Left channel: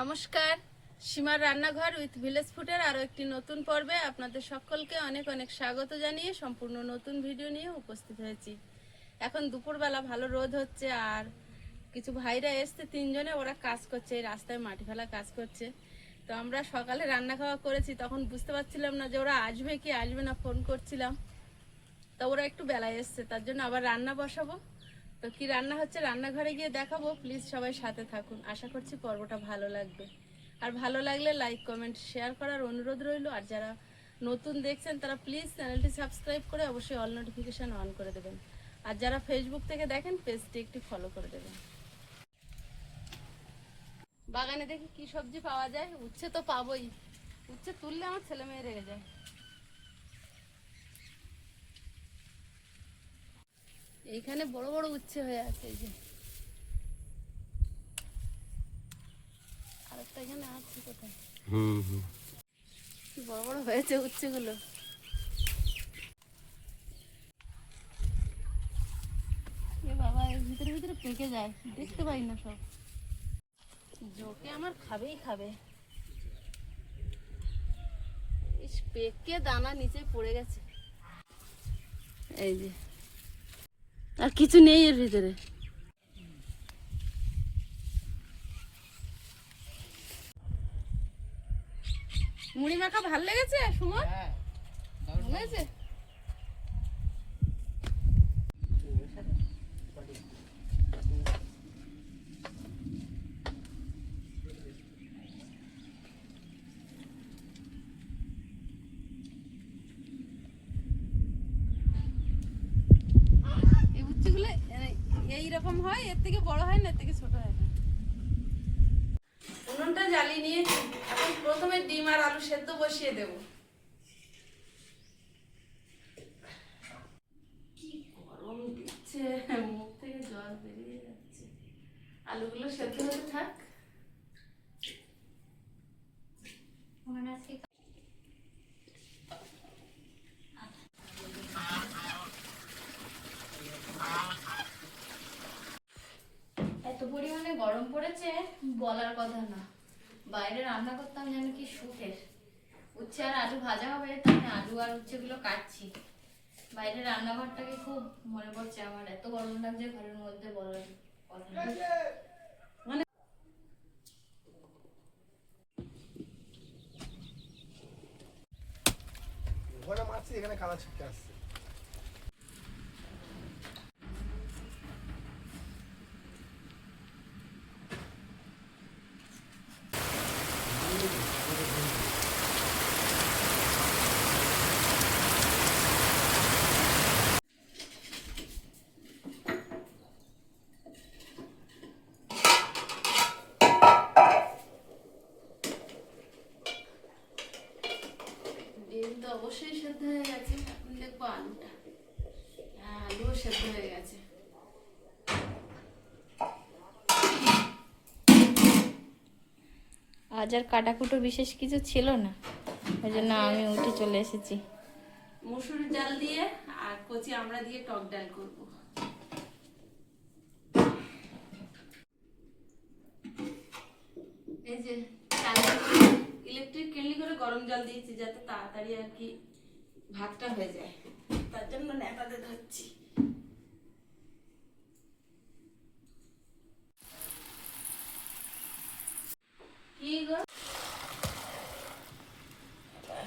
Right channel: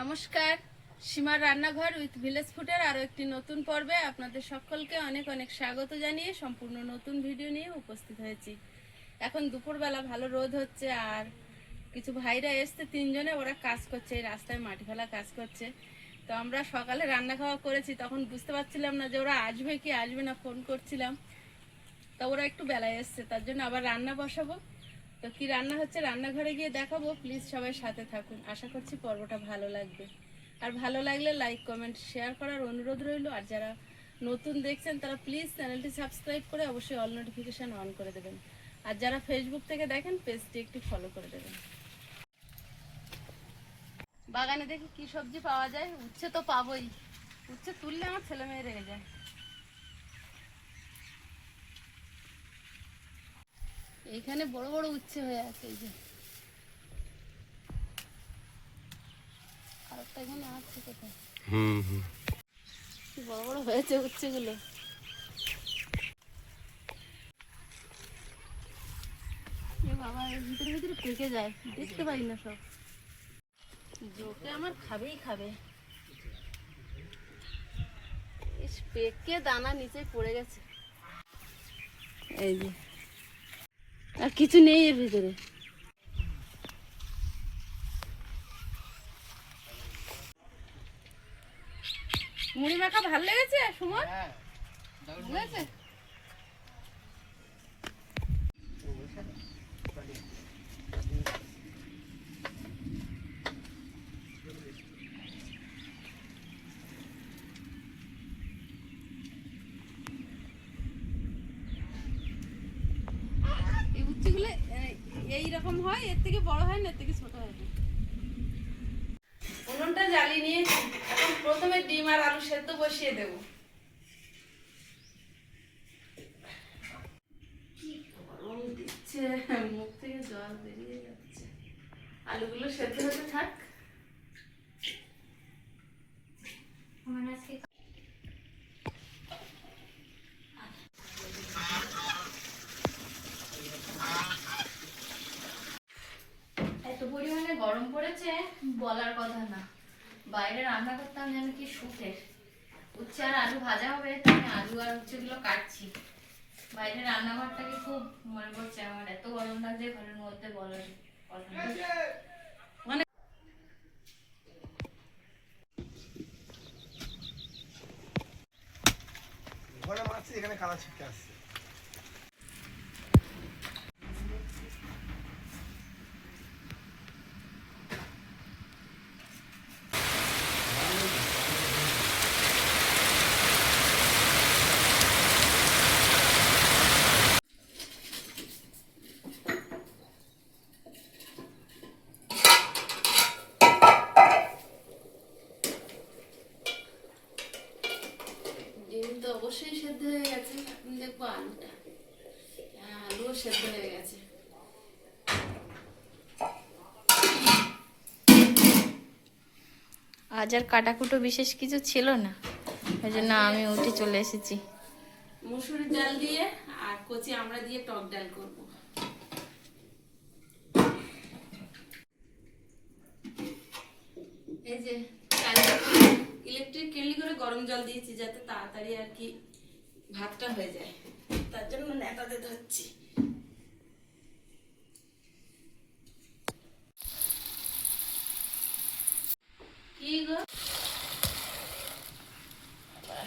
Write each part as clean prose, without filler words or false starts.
নমস্কার, সীমার রান্নাঘর উইথ ভিলেজ ফুডের আরও একটি নতুন পর্বে আপনাদের সকলকে অনেক অনেক স্বাগত জানিয়ে সম্পূর্ণ নতুন ভিডিও নিয়ে উপস্থিত হয়েছি। এখন দুপুরবেলা ভালো রোদ হচ্ছে, আর কিছু ভাইরা এসছে, তিনজনে ওরা কাজ করছে, এই রাস্তায় মাটি ফেলা কাজ করছে। তো আমরা সকালে রান্না খাওয়া করেছি, তখন বুঝতে পারছিলাম না যে ওরা আসবে কি আসবে না, ফোন করছিলাম। তা ওরা একটু বেলায় এসছে, তার জন্য আবার রান্না বসাবো। তো কি রান্না হচ্ছে রান্নাঘরে গিয়ে দেখাবো। প্লিজ সবাই সাথে থাকুন, আশা করছি পর্বটা ভালো লাগবে। আর ভালো লাগলে লাইক কমেন্ট শেয়ার করার অনুরোধ রইল। আর যারা নতুন দেখছেন তারা প্লিজ চ্যানেলটি সাবস্ক্রাইব করে অবশ্যই অল নোটিফিকেশান অন করে দেবেন। আর যারা ফেসবুক থেকে দেখেন পেজটি একটু ফলো করে দেবেন। বাগানে দেখি কি সবজি পাওয়া যায়। উচ্ছে তো পাবোই, উচ্ছে তুললে আমার ছেলে মেয়ে রেগে যায়। এইখানে বড় বড় উচ্ছে হয়ে আছে, এই যে আরেকটা এখানে আছে কোথায়। কি বড় বড় হয়েছে উচ্ছেগুলো। এ বাবা, এর ভিতরে ভিতরে পেকে যায়, দেখতে পাই না সব। জোকে আমার খাবেই খাবে। পেকে দানা নিচে পড়ে গেছে। এই যে আর কিছু নেই এর ভিতরে। মুড়ি মাখা ভালো লেগেছে সুমন? ভালো লেগেছে। এই উচ্ছেগুলো এইরকম হয়, এর থেকে বড় হয় না, এর থেকে ছোট হয় না। উনুনটা জ্বালিয়ে নিয়েছি, এখন প্রথমে ডিম আর আলু সেদ্ধ বসিয়ে দেব। কি গরম দিচ্ছে, মুখ থেকে জল বেরিয়ে যাচ্ছে। আলুগুলো সেদ্ধ হতে থাক। এত পরিমাণে গরম পড়েছে বলার কথা না। বাইরে রান্না করতাম যেন কি সুখের। উচ্ছে আর আলু ভাজা হবে, তাই আমি আলু আর উচ্ছেগুলো কাটছি। বাইরে রান্নাঘরটাকে খুব মনে পড়ছে আমার, এত গরম লাগছে ঘরের মধ্যে বলার কথা না। মানে ঘরে মাছ এখানে কাদা ছিটকে আসছে। ডিম তো অবশ্যই সেদ্ধ হয়ে গেছে, এখন দেখবো আলুটা। হ্যাঁ, আলুও সেদ্ধ হয়ে গেছে। আজ আর কাটাকুটো বিশেষ কিছু ছিল না, ওই জন্য আমি উঠে চলে এসেছি। মসুরির ডাল দিয়ে আর কচি আমড়া দিয়ে টক ডাল করব। এই যে ইলেকট্রিক কেটলি করে গরম জল দিয়েছি, যাতে তাড়াতাড়ি আর কি ভাতটা হয়ে যায়, তার জন্য নেটাতে ধরছি। কি গো,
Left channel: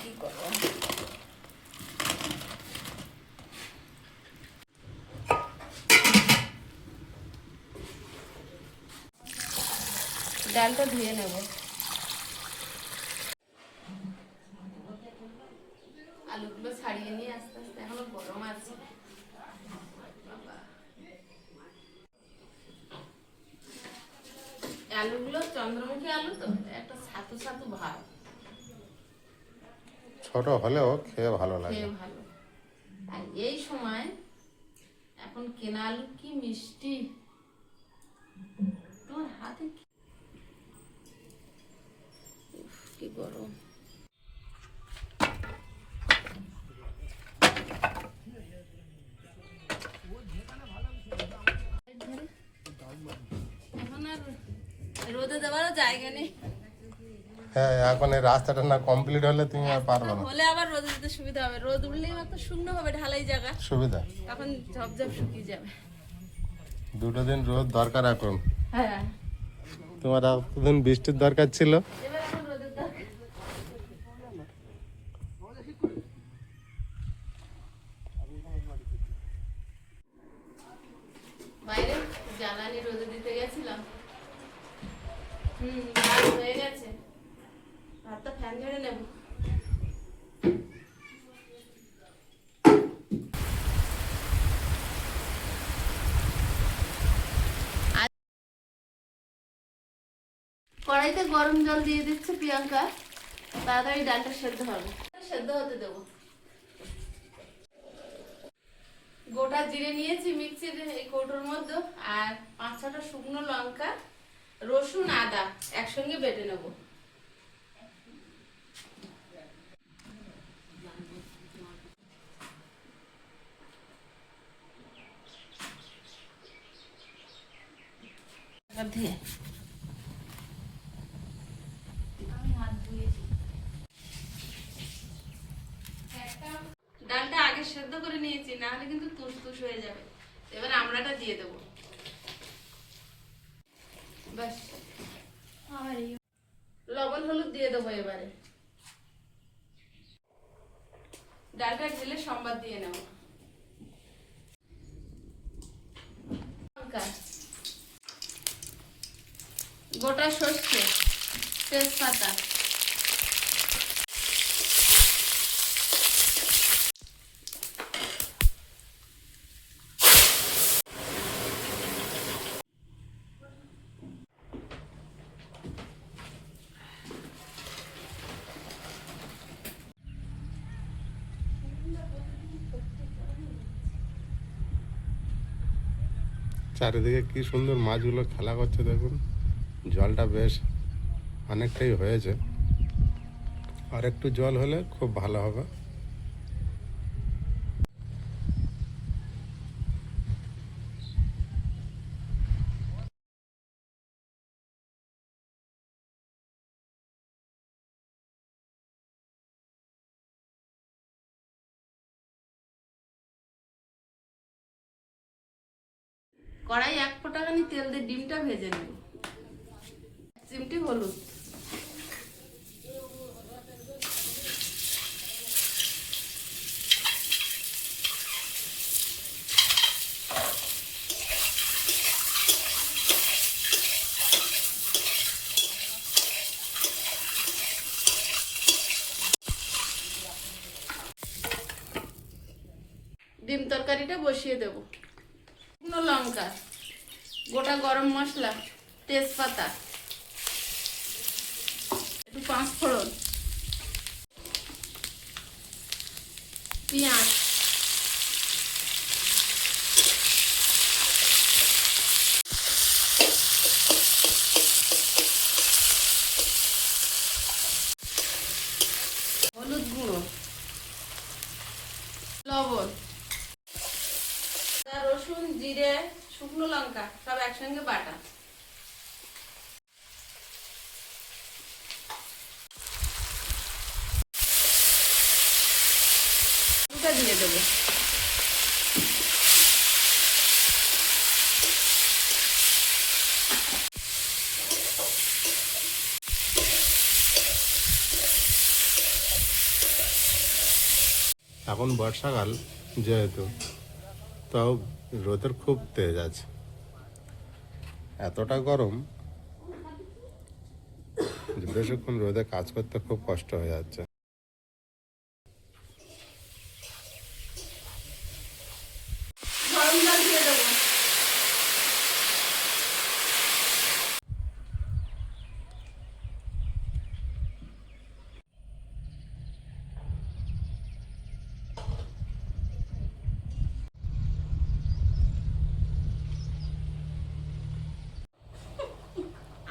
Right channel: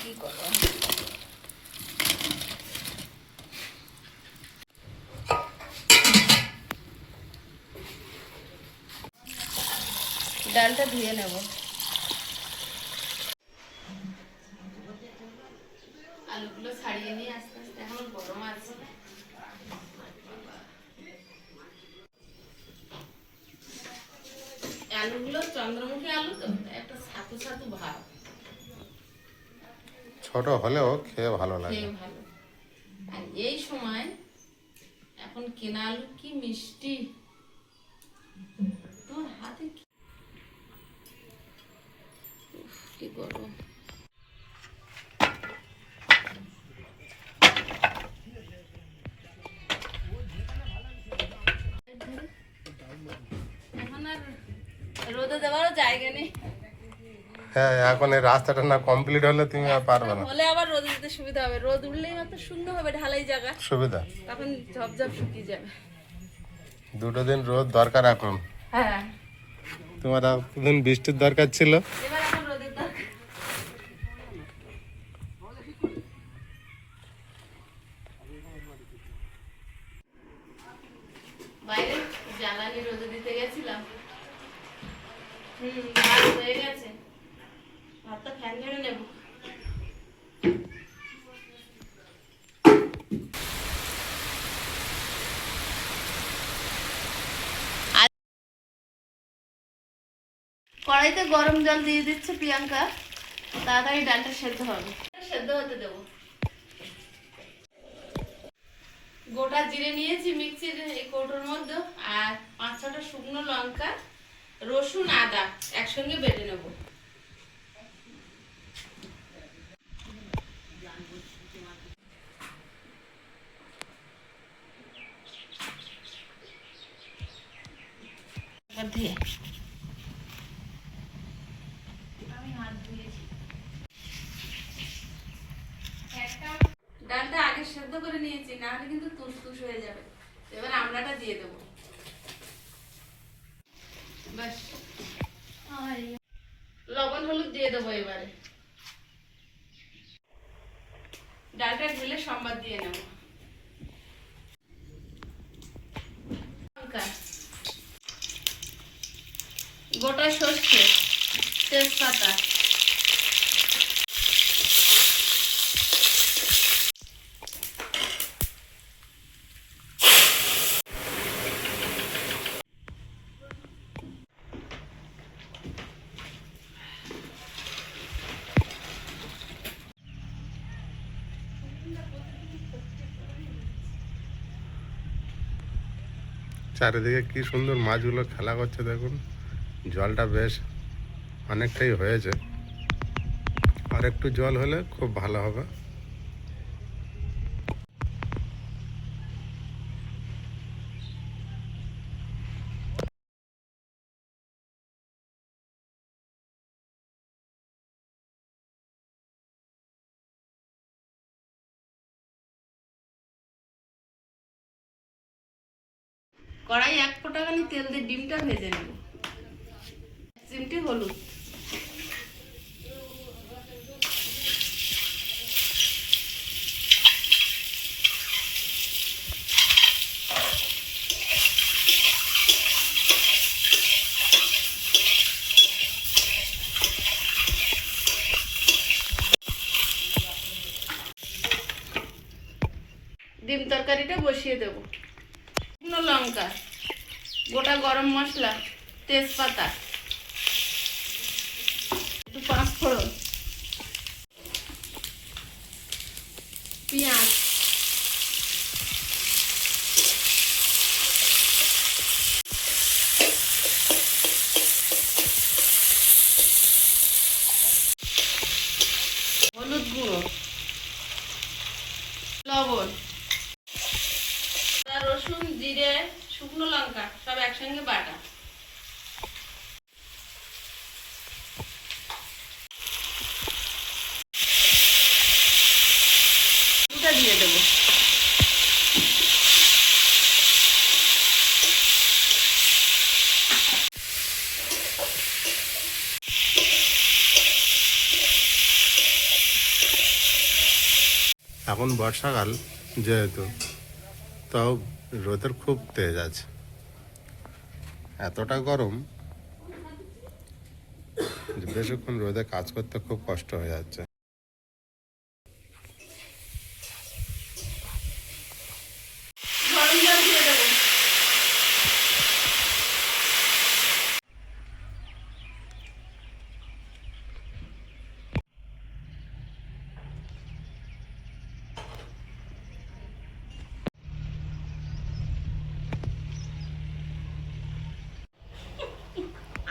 কি করবো? ডালটা ধুয়ে নেব। আলুগুলো ছাড়িয়ে নিয়ে আস্তে আস্তে, এখনো গরম আছে। আলুগুলো চন্দ্রমুখী আলু তো, একটা ছাতু ছাতু ভাব। ছোট হলেও খেয়ে ভালো লাগে। খেয়ে ভালো। আর এই সময় এখন কেনা আলু কি মিষ্টি, তোমার হাতে কি গরম। এখন আর রোদে দেওয়ারও জায়গা নেই। হ্যাঁ এখন এই রাস্তাটা না কমপ্লিট হলে তুমি আর পারবে না। হলে আবার রোদে দিতে সুবিধা হবে, রোদ উঠলেই মাত্র শুকনো হবে ঢালাই জায়গা, সুবিধা তখন ঝপঝপ শুকিয়ে যাবে। দুটো দিন রোদ দরকার এখন। হ্যাঁ তোমার এখন বৃষ্টির দরকার ছিল। এবার এখন রোদের দরকার। বাইরে জ্বালানি রোদে দিতে গেছিলাম। ভাত হয়ে গেছে, ভাতটা ফ্যান ঝেড়ে নেব। কড়াইতে গরম জল দিয়ে দিচ্ছে প্রিয়াঙ্কা, তাড়াতাড়ি ডালটা সেদ্ধ হবে, সেদ্ধ হতে দেবো। গোটা জিরে নিয়েছি মিক্সির এই কৌটোর মধ্যে, আর 5-6টা শুকনো লঙ্কা, রসুন, আদা একসঙ্গে বেটে নেব। ডালটা আগে সেদ্ধ করে নিয়েছি, না হলে কিন্তু তুস হয়ে যাবে। এবার আমড়াটা দিয়ে দেবো। ব্যাস, লবণ হলুদ দিয়ে দেবো এবারে। ডালটা ঢেলে সম্বাদ দিয়ে নেব। গোটা সর্ষে, তেজপাতা, চারিদিকে কি সুন্দর মাছগুলো খেলা করছে দেখুন। জলটা বেশ অনেকটাই হয়েছে, আর একটু জল হলে খুব ভালো হবে। কড়াই 1 ফোঁটা খানি তেল দিয়ে ডিমটা ভেজে নেব। চিমটি হলুদ, ডিম তরকারিটা বসিয়ে দেবো। শুকনো লঙ্কা, গোটা গরম মশলা, তেজপাতা, একটু 5 ফোড়ন, পেঁয়াজ, হলুদ গুঁড়ো, লবণ, রসুন, জিরে, শুকনো লঙ্কা সব একসঙ্গে বাটা। এটা দিয়ে দেবো। এখন বর্ষাকাল যেহেতু, তাও রোদের খুব তেজ আছে, এতটা গরম যে বেশিক্ষণ রোদে কাজ করতে খুব কষ্ট হয়ে যাচ্ছে। গরম জল দিয়ে দেবো।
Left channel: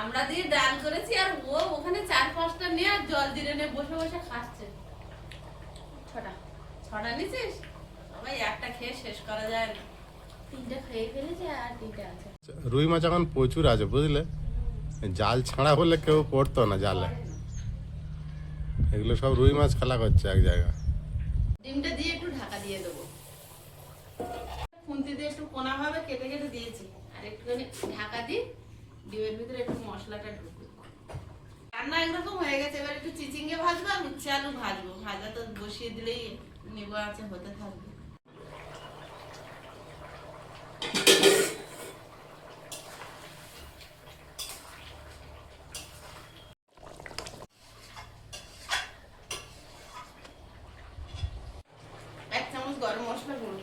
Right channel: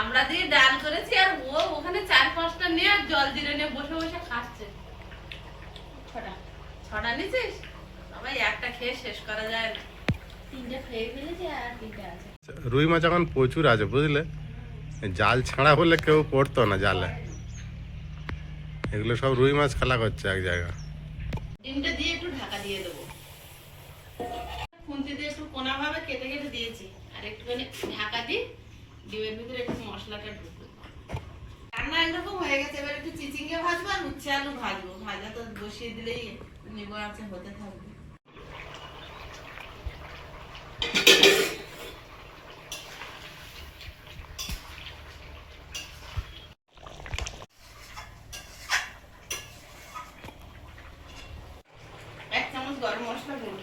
আমরা দিয়ে ডাল করেছি, আর ও ওখানে 4-5টা নিয়ে আর জল জিরে নিয়ে বসে বসে খাচ্ছে। ছটা নিছিস? সবাই একটা খেয়ে শেষ করা যায় না। 3টা খেয়ে ফেলেছে আর 3টা আছে। রুই মাছ এখন প্রচুর আছে বুঝলে, জাল ছাড়া হলে কেউ পড়তো না জালে। এগুলো সব রুই মাছ খেলা করছে এক জায়গা। ডিমটা দিয়ে একটু ঢাকা দিয়ে দেবো, খুন্তি দিয়ে একটু কোনা ভাবে কেটে কেটে দিয়েছি, আর একটুখানি ঢাকা দিই, ডিমের ভিতরে একটু মশলাটা ঢুকবে। রান্না একরকম হয়ে গেছে, এবার একটু চিচিঙ্গে ভাজবো আর উচ্ছে আলু ভাজবো, ভাজা তো বসিয়ে দিলেই নেবো আছে হতে থাকবে। এক চামচ গরম মশলা গুঁড়ো,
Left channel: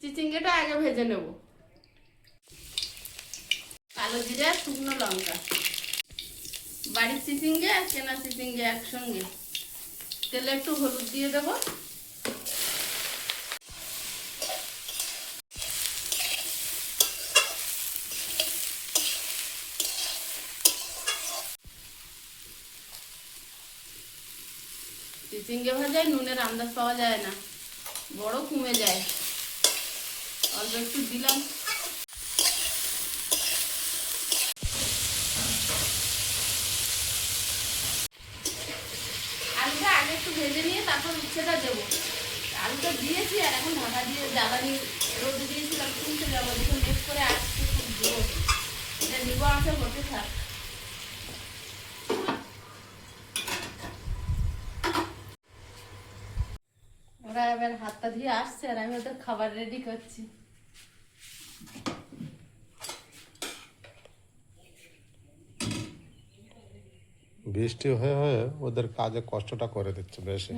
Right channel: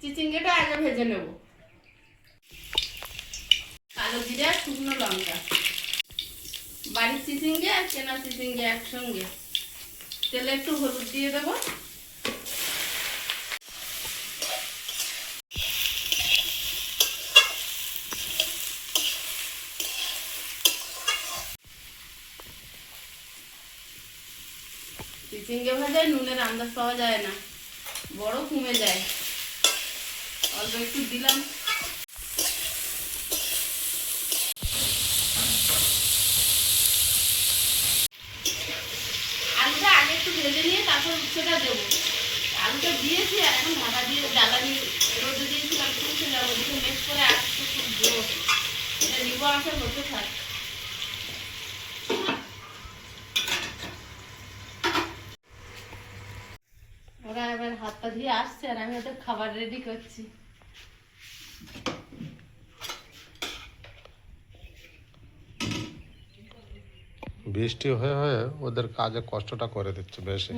চিচিঙ্গেটা আগে ভেজে নেব। কালো জিরা, শুকনো লঙ্কা, বাড়ির চিচিঙ্গে আর কেনা চিচিঙ্গে একসঙ্গে, তেলে একটু হলুদ দিয়ে দেবো। চিচিঙ্গে ভাজায় নুনের আন্দাজ পাওয়া যায় না, বড় কমে যায়, অল্প একটু দিলাম। আলুটা আগে একটু ভেজে নিয়ে তারপর উচ্ছেটা দেবো। আলুটা দিয়েছি আর এখন ঢাকা দিয়ে জ্বালানি রোদে দিয়েছিলাম, শুনতে যাবো দেখে মেশ করে আসছে, খুব জোর এটা নিবো আসা হতে থাক। ওরা এবার হাতটা ধুয়ে আসছে আর আমি ওদের খাবার রেডি করছি। বৃষ্টি হয়ে হয়ে ওদের কাজে কষ্টটা করে দিচ্ছে বেশি।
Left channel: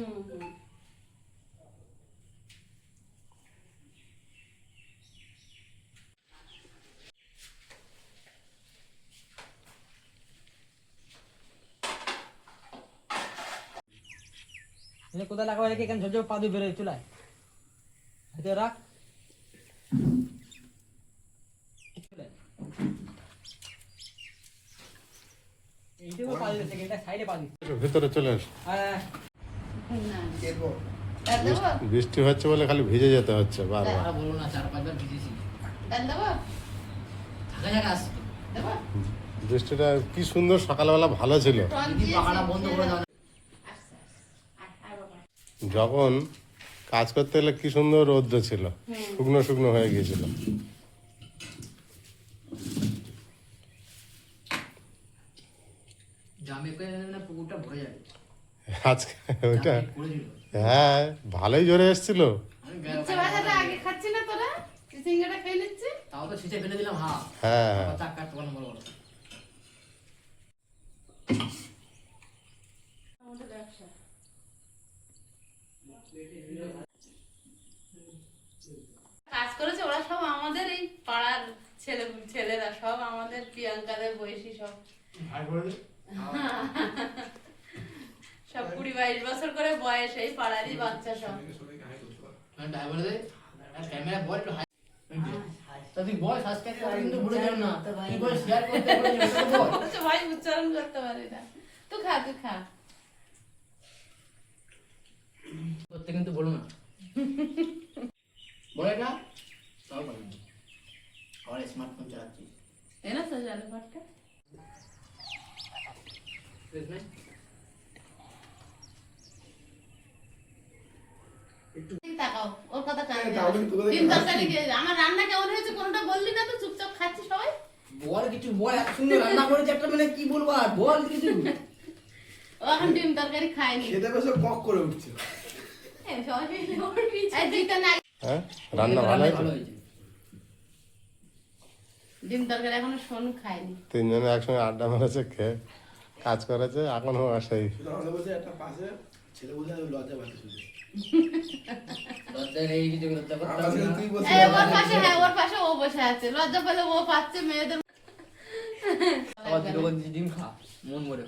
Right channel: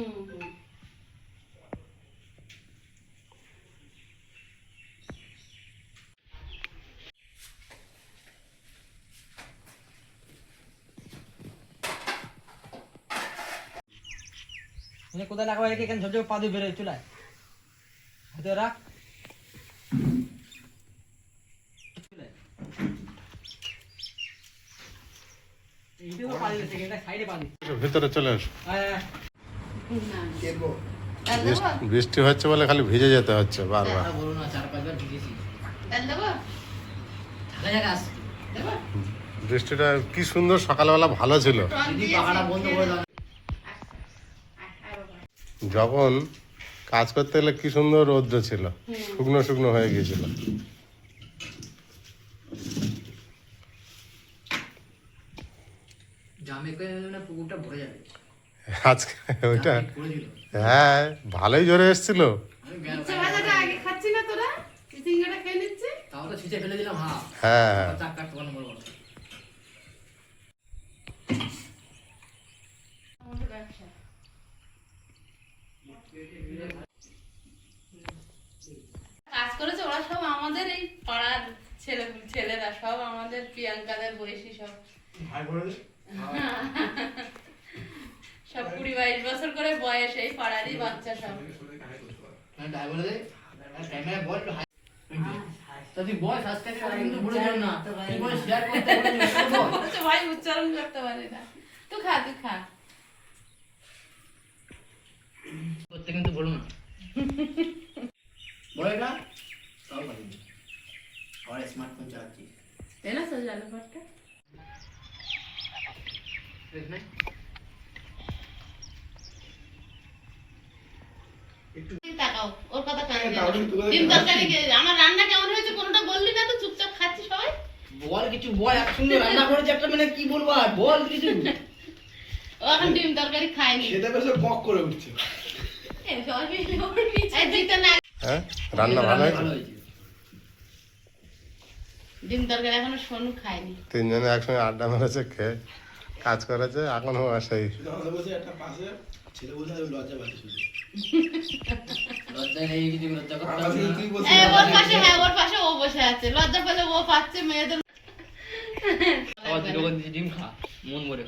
কোথায় লাগাবো রেখে এখানে ঝোপ পা দিয়ে বেরোয় চুলায় হাতে রাখ। ভিতরে চলে এসো। ডাল দেবো? বৃষ্টি হচ্ছে বলে খালি ভিজে যেতে হচ্ছে বারবার। ডাল দেবো? দেবো? বৃষ্টিটা কি সুন্দর সকালবেলা ভালো ছিল, টন দিয়েছি। বন্ধ করে দাও। যখন কাজ করতে গেলে কি সুন্দর রৌদ্র ছিল, শুকনো শুকনো হয়ে গিয়েছিল। পুকুরটা ভরে যাবে আজকে ওইটা হ্যাঁ ভালোই জোরে এসেছিল। উচ্ছে ভাজাটা আগে খাচ্ছি না তোরা? চিচিঙ্গাটা খেয়ে নিচ্ছি। তাও তো ছিঁচে ফেলে দিলাম। হ্যাঁ হ্যাঁ হ্যাঁ চাক কাট বড় বড় আমাদের ব্যবসা। কাজ করেছে ওরা সব আমাদের এই পাড়ার ছেলেরা, সব আমাদের প্রিয়াঙ্কাদের বয়সী, সব সব 20-22 বছর করে বয়স, এই পাড়ারই বাচ্চা সব। তুই বল সাবস্ক্রাইব করতে কিন্তু ভুলে যাও না। তুই বল শেয়ার করতে ভুলে যাও না। তো ভাই উচ্চারণ করতে পারি না। তো খা, তুই খা। করতে কিন্তু বলো না। বলো এটা তাও পারি না। আর স্মার্টফোন চালাচ্ছি। তাই না স্যার, জানো পারটা? ঠিক না? তাকাও, ওর কথা কানে দিও। ডিম তরকারি আমার রান্না কেমন হয়েছে কোনটা বললি না, তো চুপচাপ খাচ্ছি সবাই। বল কিছু বল, এত সুন্দর রান্না করেছে একটা, মানে কি বলবো আর, বল কিছু। ও এখন ডিম তরকারি খায়নি। খেতে বসে কক করে উঠছে। এই দিতে না। হ্যাঁ রান্না ভালো হয়েছে। ডিম তরকারি এখনো সোনু খায়নি। তিনজনে একসঙ্গে আড্ডা মেরেছে, খেয়ে কাজ করেছে, এখনো সেই লজ্জা নেই কিছু, লজ্জা করতে হবে না। এই ওর পাশে, হ্যাঁ ওর পাশে ও বসে আছে, লজ্জা পেলে ও পাচ্ছে মেয়েদের। আবার দুটো করে ডিম খা, মন ভরে।